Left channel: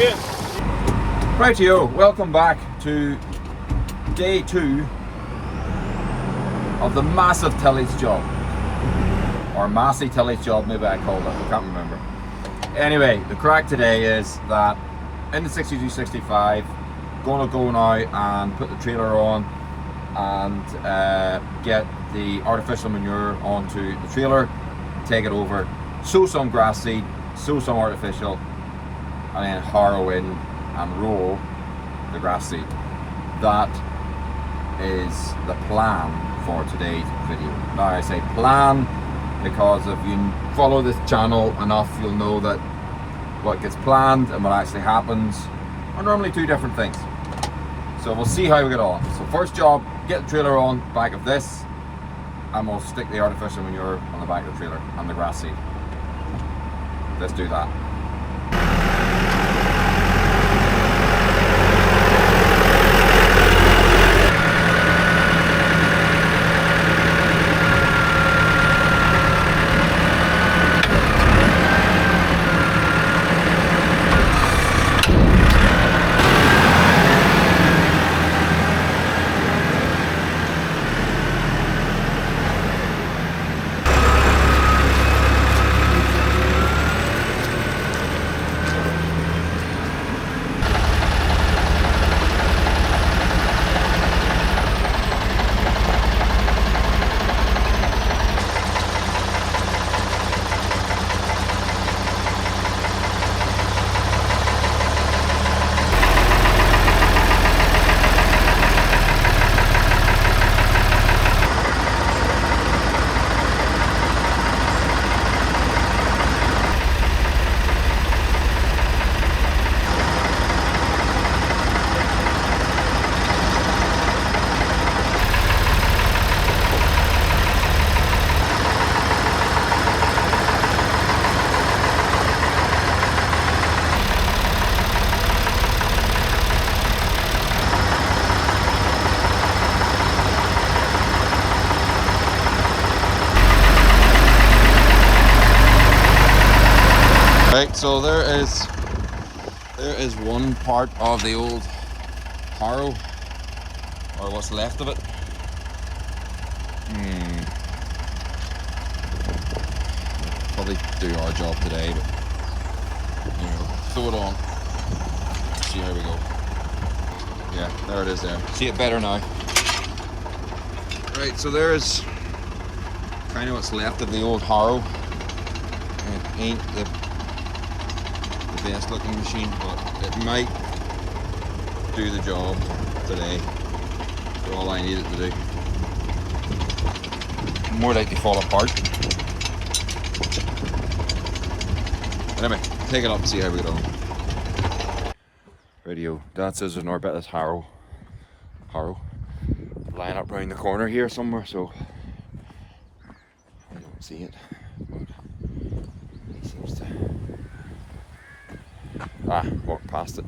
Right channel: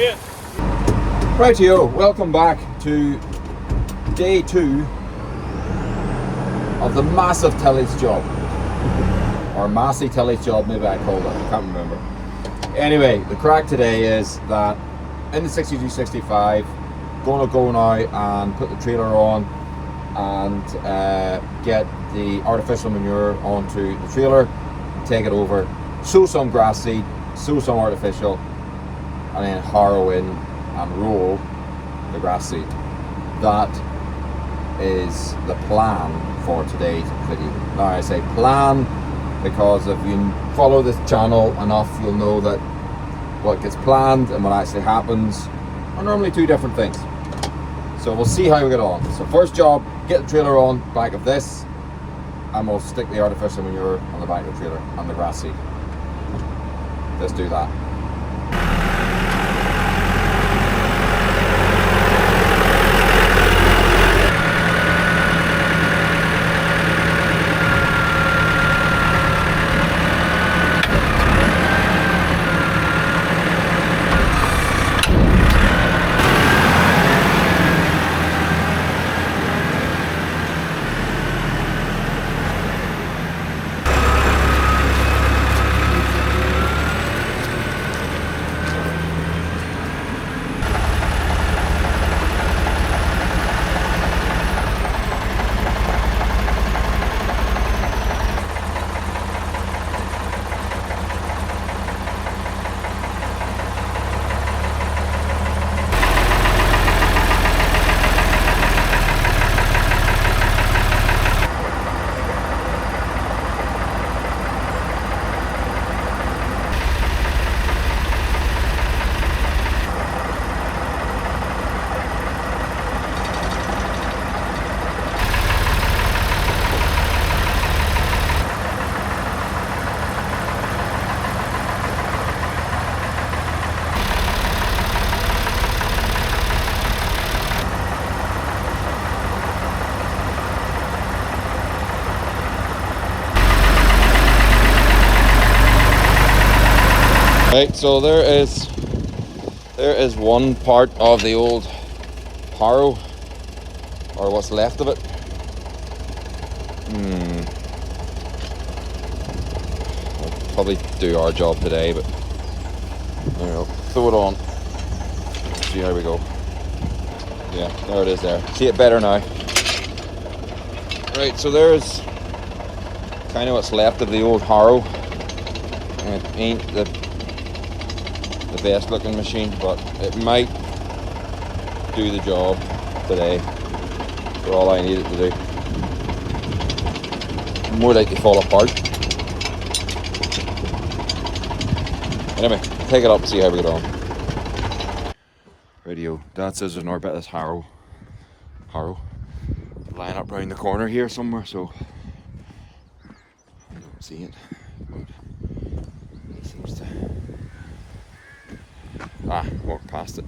doing? Rightio, welcome back to day 2 of the massive tillage job. Or massy tillage job, maybe I called it, I can't remember. Anyway, the crack today is that in the 6265, gonna go now and put the trailer on and get the artificial manure onto the trailer, take it over, sow some grass seed, sow some artificial, and then harrow in and roll the grass seed. That is the plan for today's video. Now I say plan because if you follow this channel enough, you'll know that what gets planned and what actually happens are normally two different things. So we'll see how we get on. So first job, get the trailer on back of this, and we'll stick the artificial manure on the back of the trailer and the grass seed. Let's do that. Right, so there is one part of the old harrow, or what's left of it. We'll probably do our job today, but you know, throw it on. See how we go. Yeah, there it is there. See it better now. Right, so there's kind of what's left of the old harrow. And it ain't the best looking machine, but it might do the job today for all I need it to do. More likely fall apart. Anyway, take it up and see how we get on. Radio, Dad says there's another bit of this harrow lying up round the corner here somewhere, so I don't see it, but he seems to walk past it.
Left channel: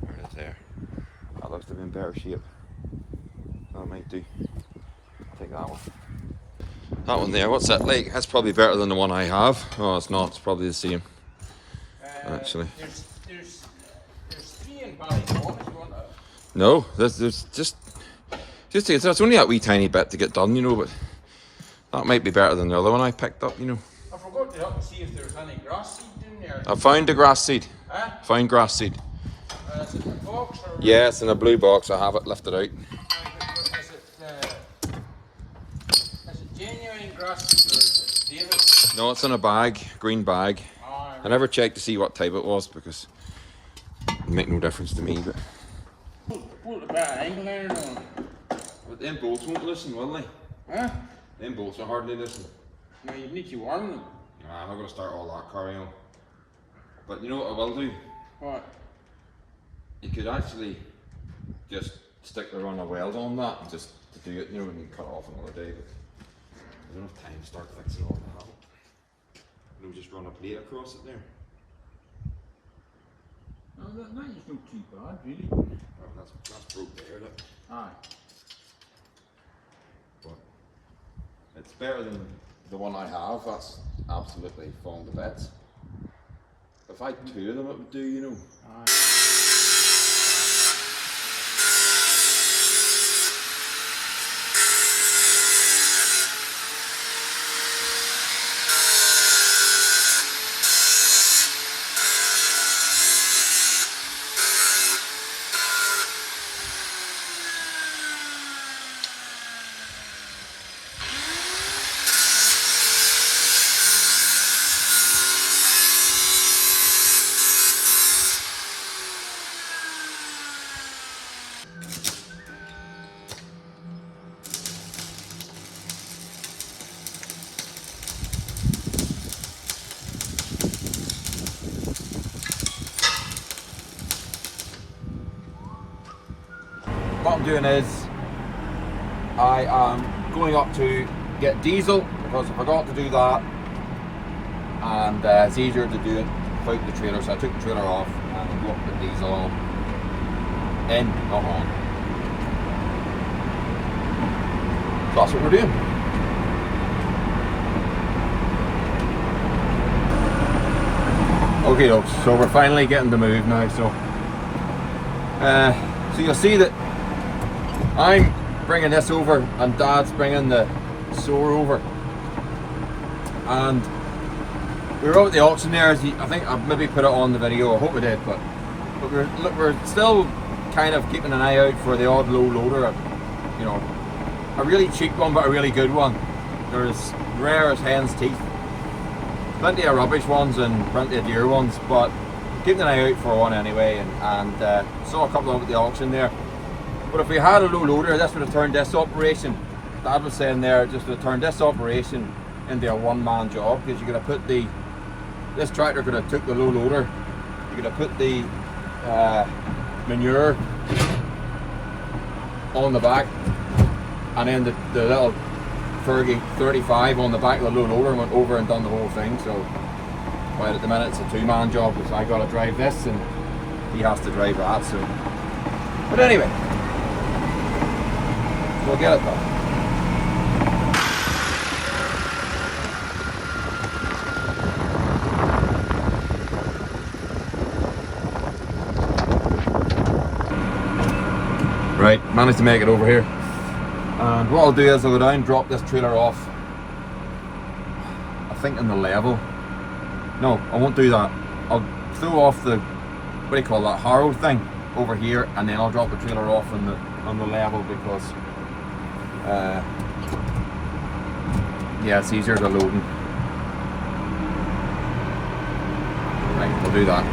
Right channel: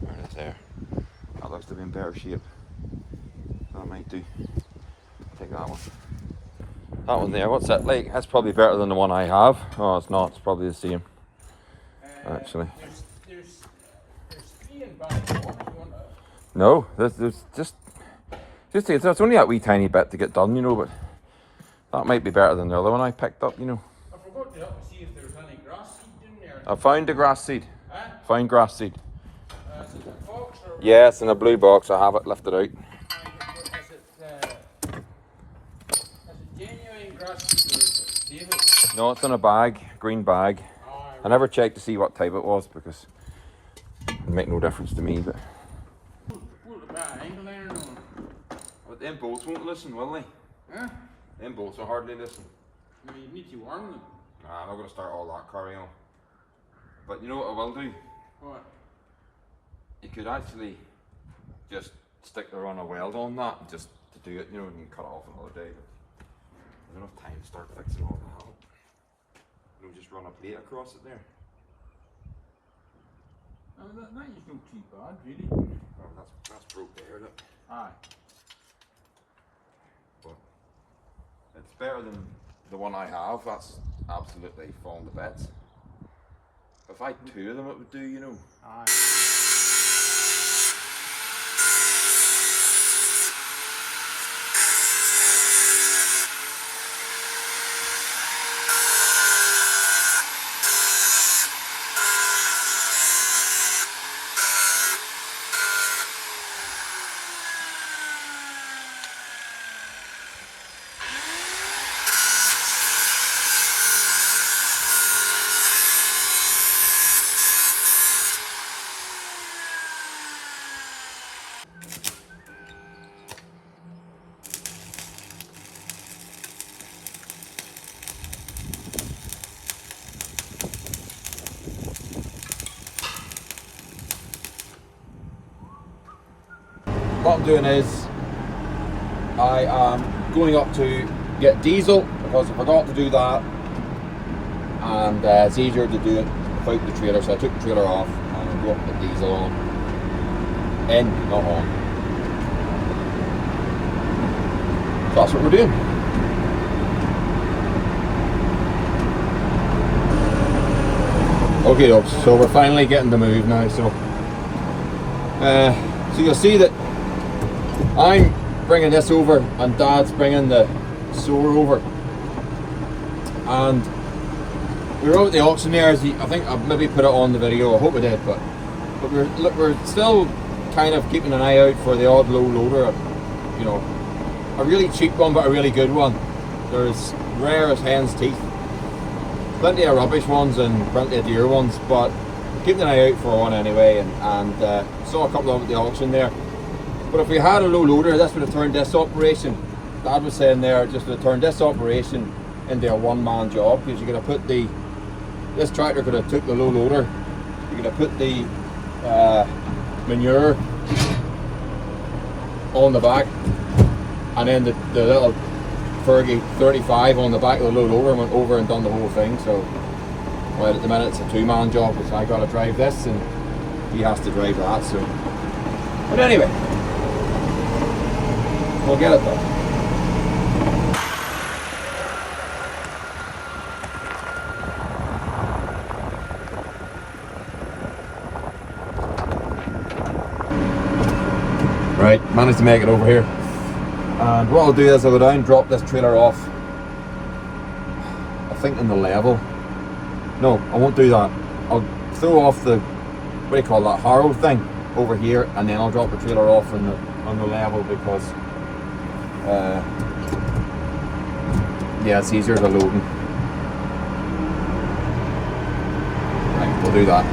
There it is there. That looks to be in better shape. That might do. Take that one. That one there, what's that like? That's probably better than the one I have. Oh, it's not. It's probably the same. Actually. There's three in Ballymoney. No, there's just it's only that wee tiny bit to get done, you know, but that might be better than the other one I picked up, you know. I forgot to look and see if there was any grass seed in there. I found the grass seed. Huh? Found grass seed. Is it in a box or? Yeah, it's in a blue box. I have it lifted out. Is it genuine grass seed or is it David? No, it's in a bag, green bag. Oh, I never checked to see what type it was because it'd make no difference to me. But put a bit of angle iron on. but them bolts won't listen, will they? Huh? Them bolts will hardly listen. No, you need to warm them. Nah, I'm not gonna start all that carry on. But you know what I will do? What? You could actually just stick the run of weld on that and just to do it, you know, and you cut it off another day. But there's enough time to start fixing all that up. You know, just run a plate across it there. No, that is not too bad, really. Oh, that's broke there, look. Aye. But it's better than the one I have. That's absolutely fallen to bits. If I had two of them, it would do, you know. Aye. What I'm doing is I am going up to get diesel because I forgot to do that, and it's easier to do it without the trailer, so I took the trailer off and got the diesel on. In, not on. So that's what we're doing. Okay, folks, so we're finally getting the move now. So you'll see that I'm bringing this over and Dad's bringing the sower over, and we were out at the auction there. As I think I maybe put it on the video. I hope we did, but we're still kind of keeping an eye out for the odd low loader. You know, a really cheap one, but a really good one. There's rare as hen's teeth. Plenty of rubbish ones and plenty of dear ones, but keeping an eye out for one anyway, and saw a couple of them at the auction there. But if we had a low loader, this would have turned this operation, Dad was saying there, just would have turned this operation into a one-man job, because you could have put this tractor could have took the low loader, you could have put the manure on the back, and then the little Fergie 35 on the back of the low loader and went over and done the whole thing. So well, at the minute it's a two-man job, because I got to drive this and he has to drive that. So, but anyway, we'll get it done. Right, managed to make it over here. And what I'll do is I'll go down, drop this trailer off, I think in the level. No, I won't do that. I'll throw off the, what do you call that, harrow thing over here, and then I'll drop the trailer off on the level, because yeah, it's easier to loading. Right, we'll do that.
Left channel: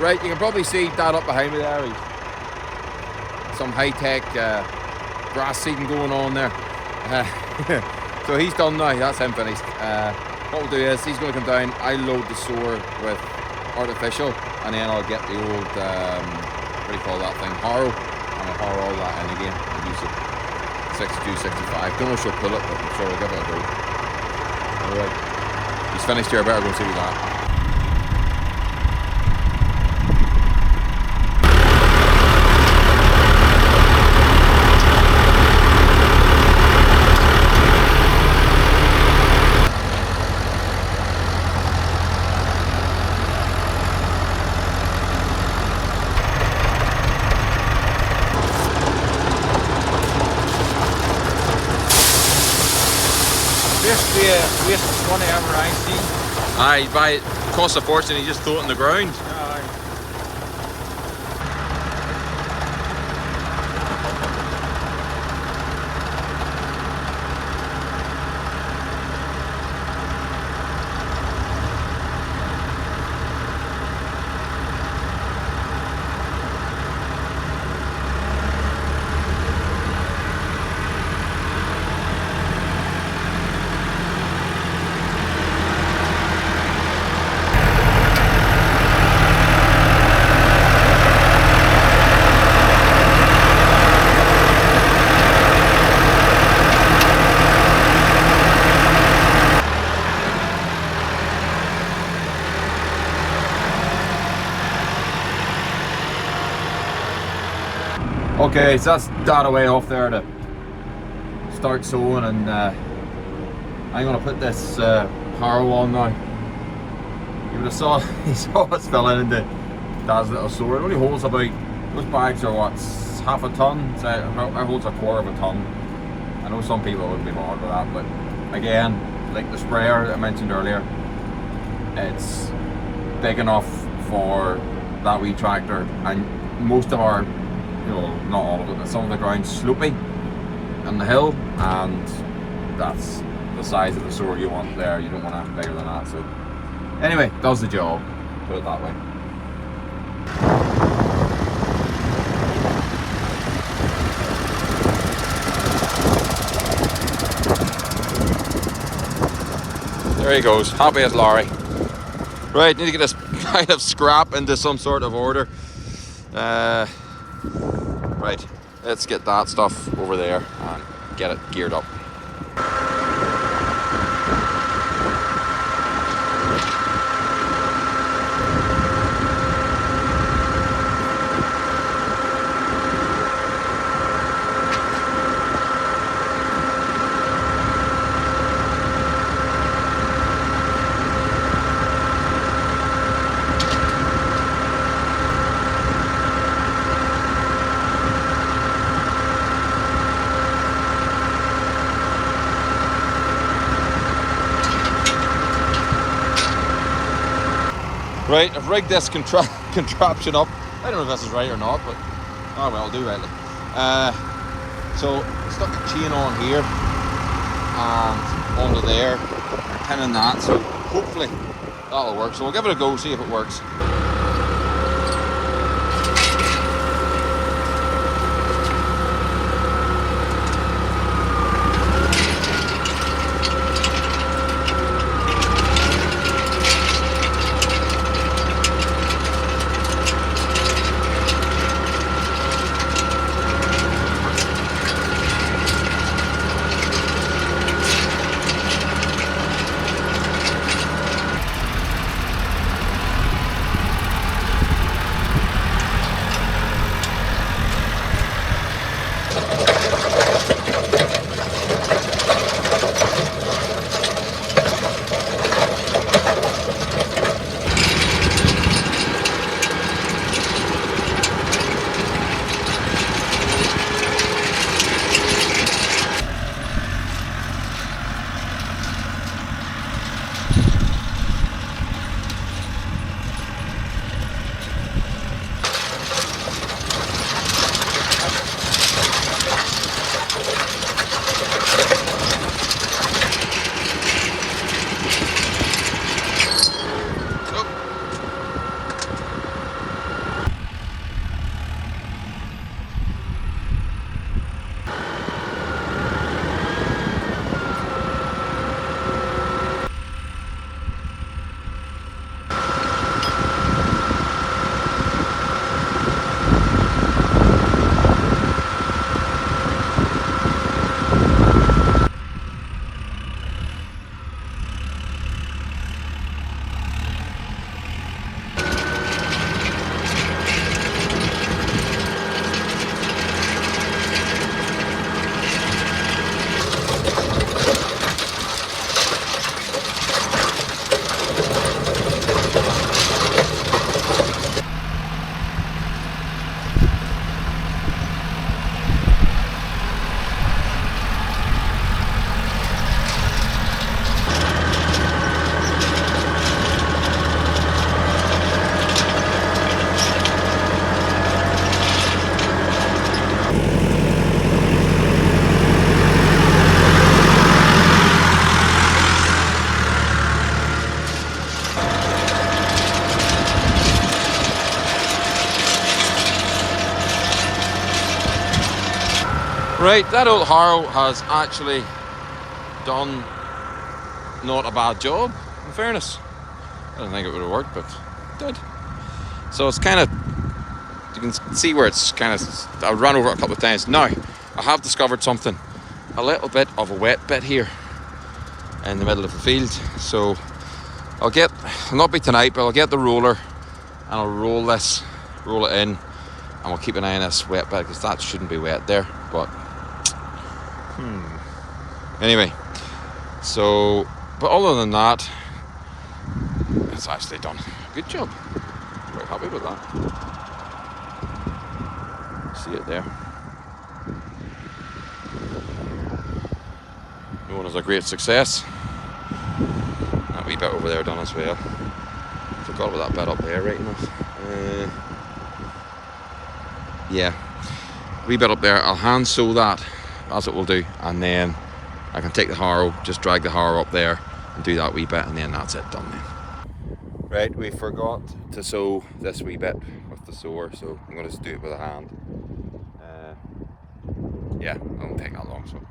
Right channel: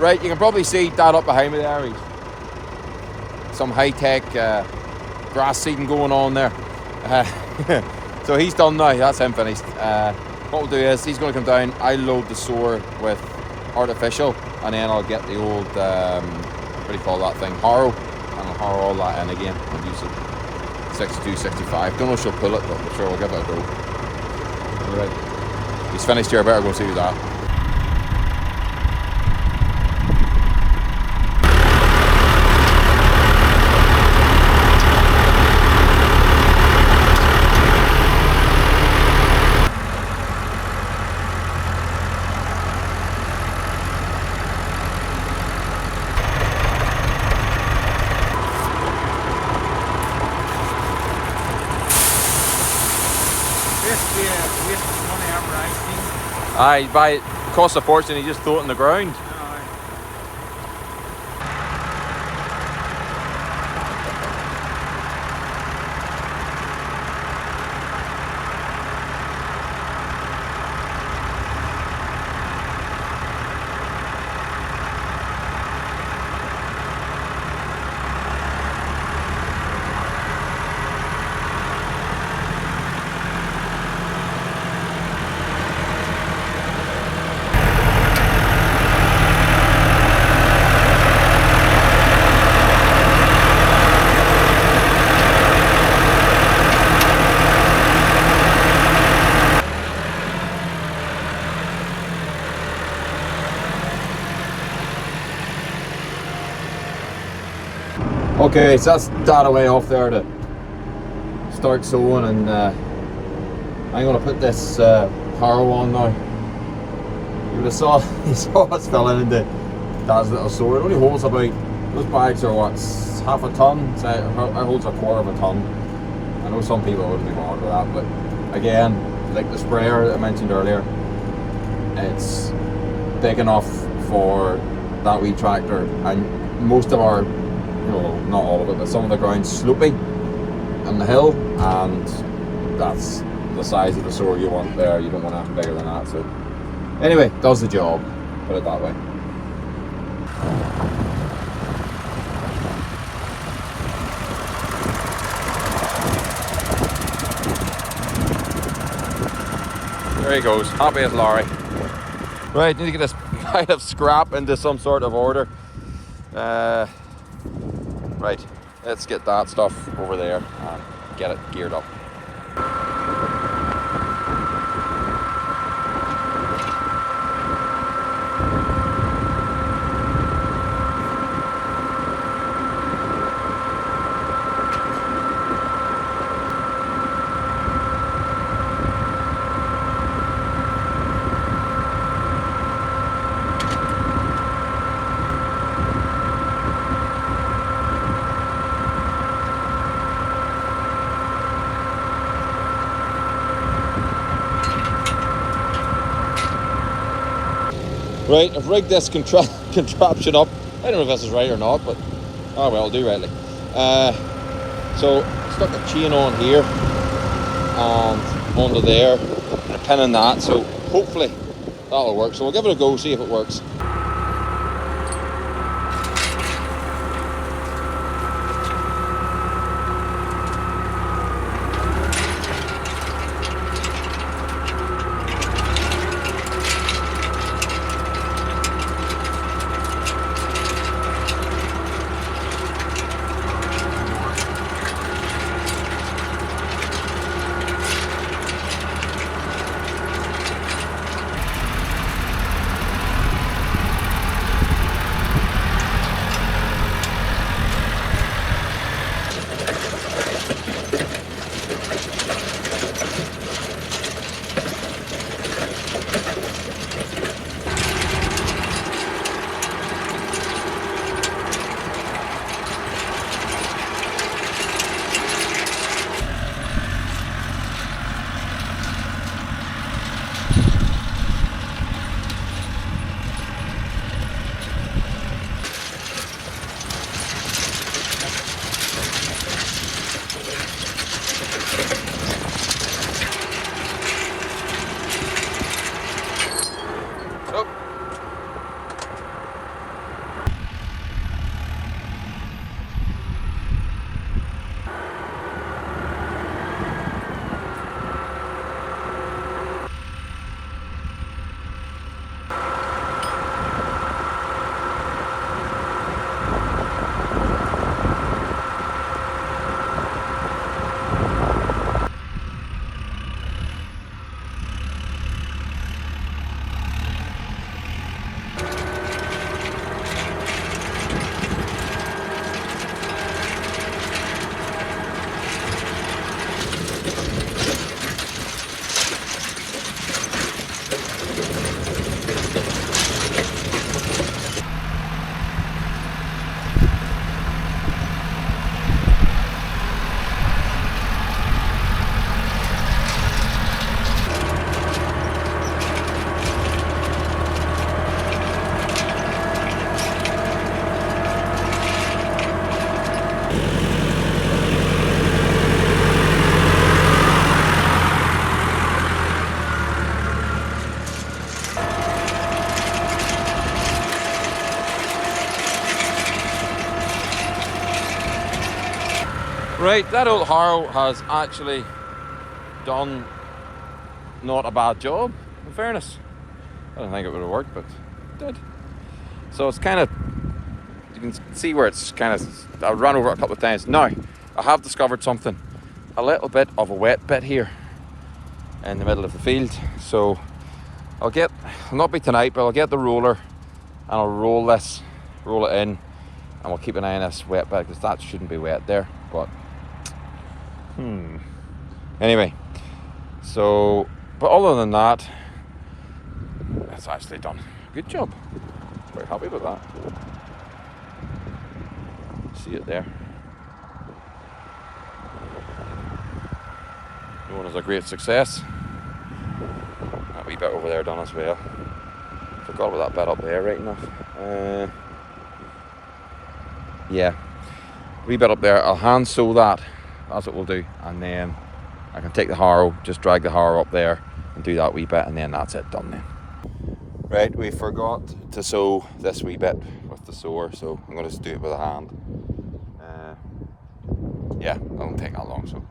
Right, you can probably see Dad up behind me there. Some high-tech grass seeding going on there. So he's done now, that's him finished. What we'll do is he's going to come down, I'll load the sower with artificial, and then I'll get the old, what do you call that thing, harrow, and I'll harrow all that in again. I'll use it 62, 65. Don't know if she'll pull it, but we're sure we'll give it a go. Anyway, he's finished here, I better go see that. Aye, buy it. Costs a fortune, you just throw it in the ground. Okay, so that's that away off there to start sowing, and I'm gonna put this harrow on now. You would have saw you saw us filling into Dad's little sower. It only holds about, those bags are what, half a ton, so it holds a quarter of a ton. I know some people wouldn't be bothered with that, but again, like the sprayer I mentioned earlier, it's big enough for that wee tractor, and most of our, not all of it, but some of the ground's slopey on the hill, and that's the size of the sower you want there. You don't want anything bigger than that. So anyway, does the job, put it that way. There he goes, happy as Larry. Right, need to get this kind of scrap into some sort of order. Right, let's get that stuff over there and get it geared up. Right, I've rigged this contraption up. I don't know if this is right or not, but oh well, I'll do rightly. So stuck the chain on here and onto there. We're pinning that, so hopefully that'll work. So we'll give it a go, see if it works. Right, that old harrow has actually done not a bad job, in fairness. I don't think it would have worked, but it did. So it's kind of, you can see where it's kind of, I ran over it a couple of times. Now, I have discovered something, a little bit of a wet bit here in the middle of the field. So I'll not be tonight, but I'll get the roller and I'll roll it in, and we'll keep an eye on this wet bit because that shouldn't be wet there. But anyway, so, but other than that, it's actually done a good job. Quite happy with that. See it there. That one was a great success. That wee bit over there done as well. Forgot about that bit up there, right enough. Yeah, wee bit up there. I'll hand sew that, as it will do, and then I can take the harrow, just drag the harrow up there and do that wee bit, and then that's it, done then. Right, we forgot to sew this wee bit with the sewer, so I'm going to just do it with a hand. Yeah, it won't take that long, so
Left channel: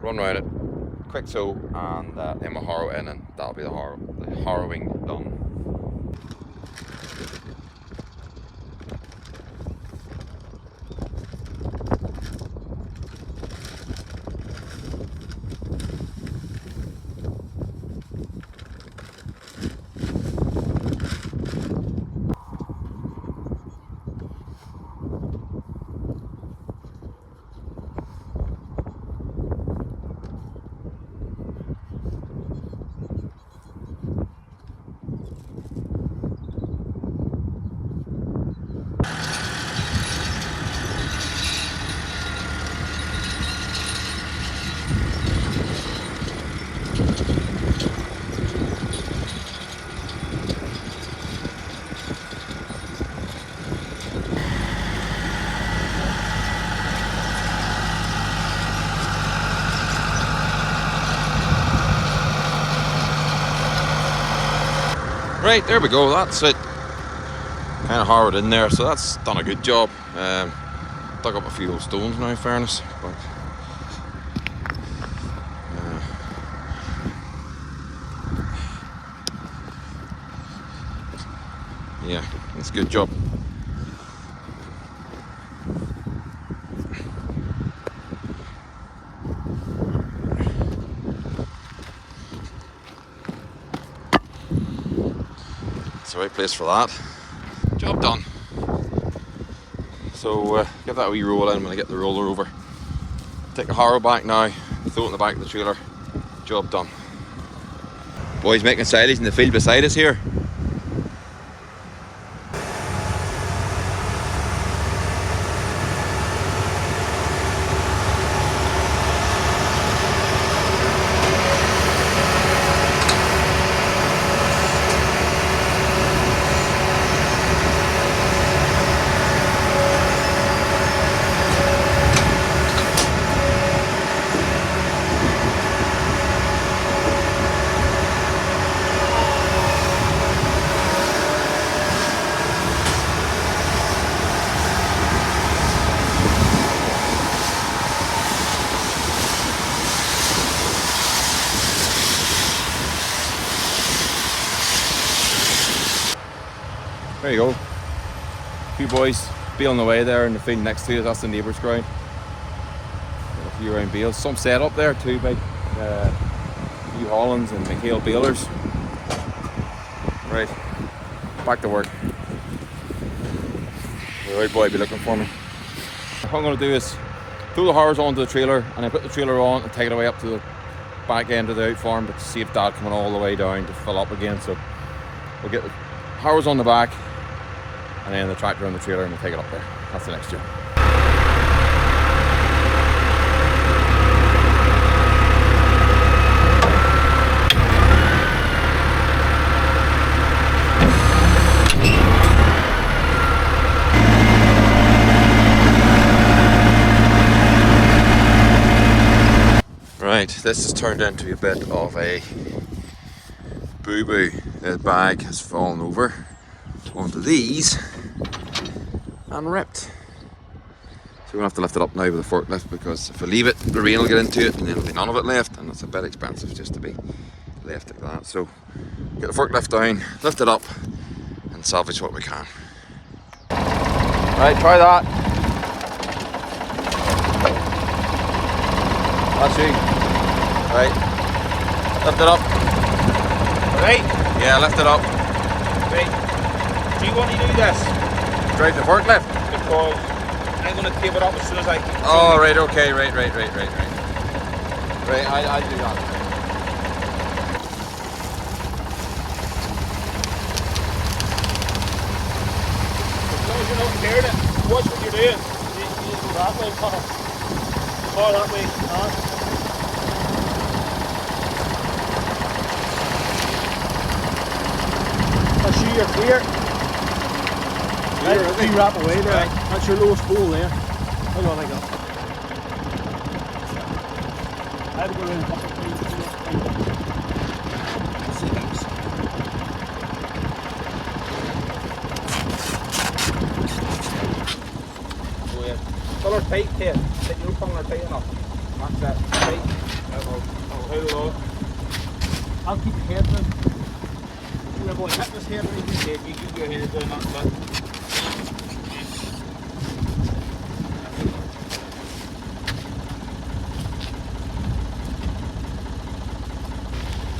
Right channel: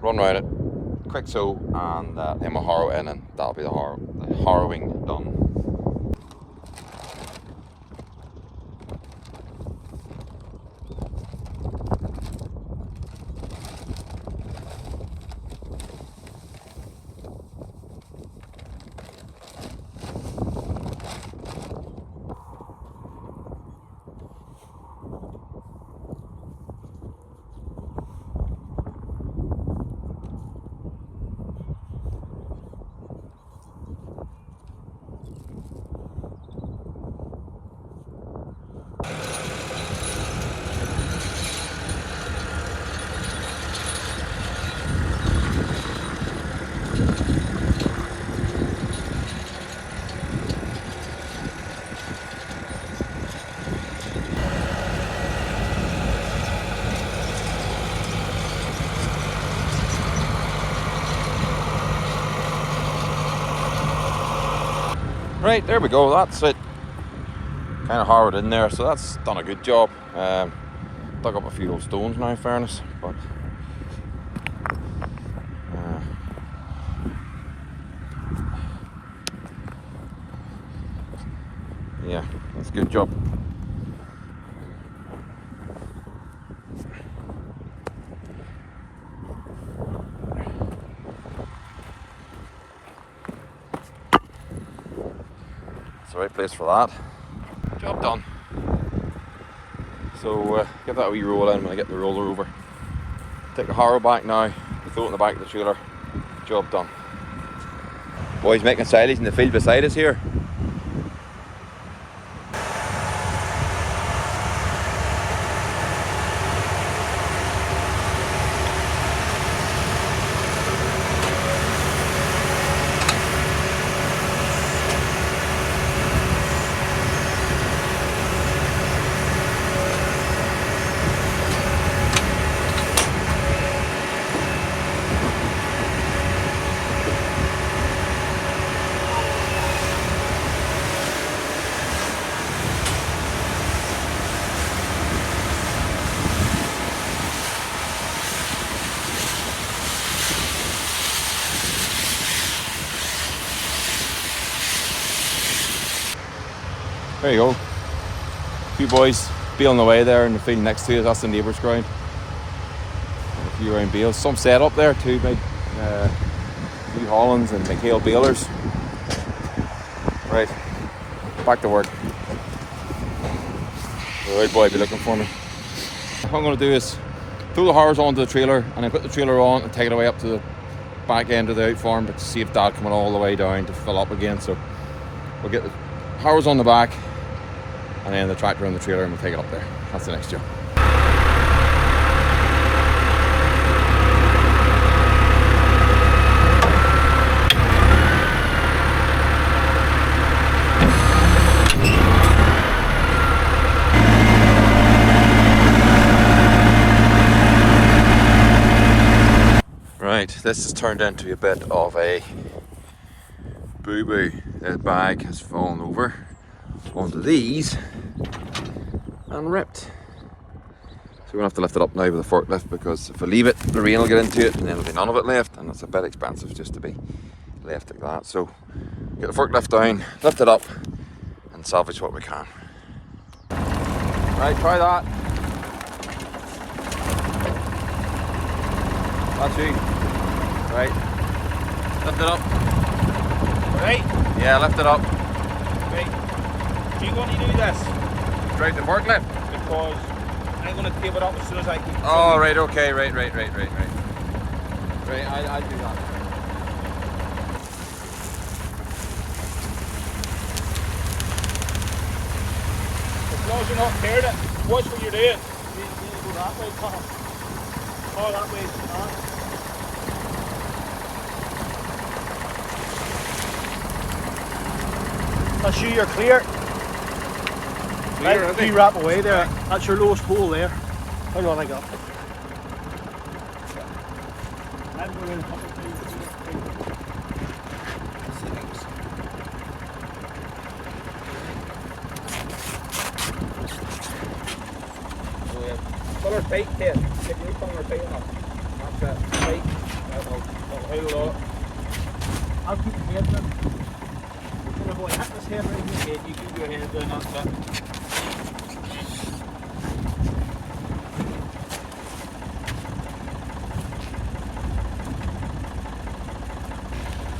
run around it, quick sew, and then we'll harrow in, and that'll be the harrowing done. Right, there we go, that's it. Kind of harrowed in there, so that's done a good job. Dug up a few old stones now, in fairness, but yeah, it's a good job. It's the right place for that. Job done. So get that wee roll in when I get the roller over. Take the harrow back now, throw it in the back of the trailer. Job done. Boys making silage in the field beside us here. There you go. A few boys be on the way there in the field next to us. That's the neighbour's ground. And a few round bales. Some set up there too, big New Hollands and McHale balers. Right, back to work. The right boy be looking for me. What I'm going to do is throw the harrows onto the trailer and then put the trailer on and take it away up to the back end of the out farm, but save Dad coming all the way down to fill up again. So we'll get the harrows on the back and then the tractor on the trailer and we'll take it up there. That's the next job. Right, this has turned into a bit of a boo-boo. The bag has fallen over onto these and ripped. So we're going to have to lift it up now with a forklift, because if we leave it, the rain will get into it and then there'll be none of it left, and it's a bit expensive just to be left like that. So get the forklift down, lift it up and salvage what we can. Right, try that. That's you. Right. Lift it up. Right? Yeah, lift it up. Right. Do you want to do this? Drive the forklift. Because I'm going to tape it up as soon as I can. Oh, right, okay, right. Right, I'll do that. As long as you're not tearing it, watch what you're doing. You do that way, Connor. Saw that way. That's you, you're clear. Right, you wrap away there. That's your lowest hole there. Hold on again. I've got around a couple of times. Pull her tight here. Take your tongue her tight enough. That's that. Tight. I'll hold it. I'll keep your head down. When I'm going to hit this head right in your head, you keep your head down, that's it.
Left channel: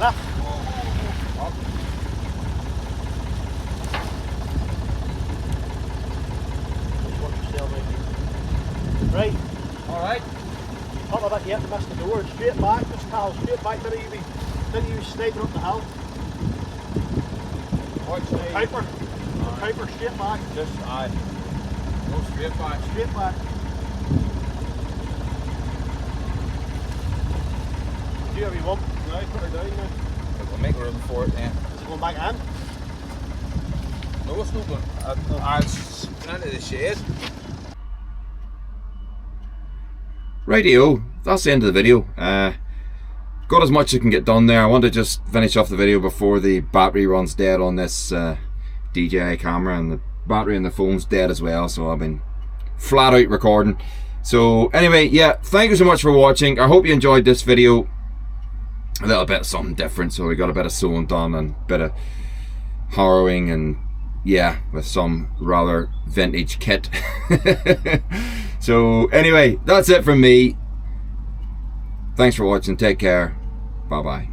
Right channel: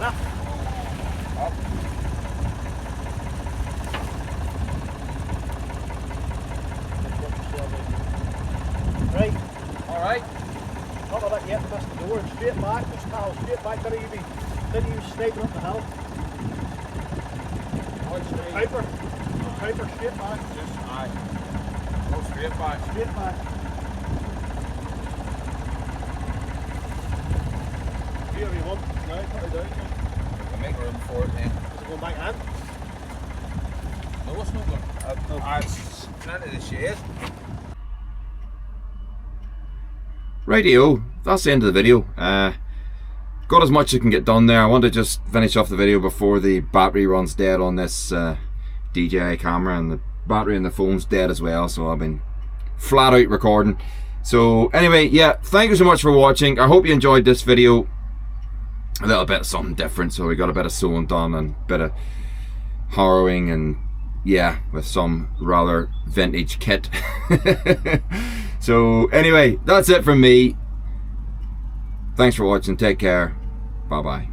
Up. Right. Alright. Not about yet to miss the door. Straight back, just towel, straight back. Didn't you snaking up the hill? Piper. Piper, straight back. Just aye. Go straight back. Straight back. Here we lump. Right, put it down there. We'll make room for it then. Is it going back in? No, it's not going. It's into the shed. Rightio, that's the end of the video. Got as much as I can get done there. I want to just finish off the video before the battery runs dead on this DJI camera, and the battery in the phone's dead as well, so I've been flat out recording. So anyway, yeah, thank you so much for watching. I hope you enjoyed this video. A little bit of something different, so we got a bit of sewing done and a bit of harrowing, and yeah, with some rather vintage kit. So anyway, that's it from me. Thanks for watching. Take care. Bye bye.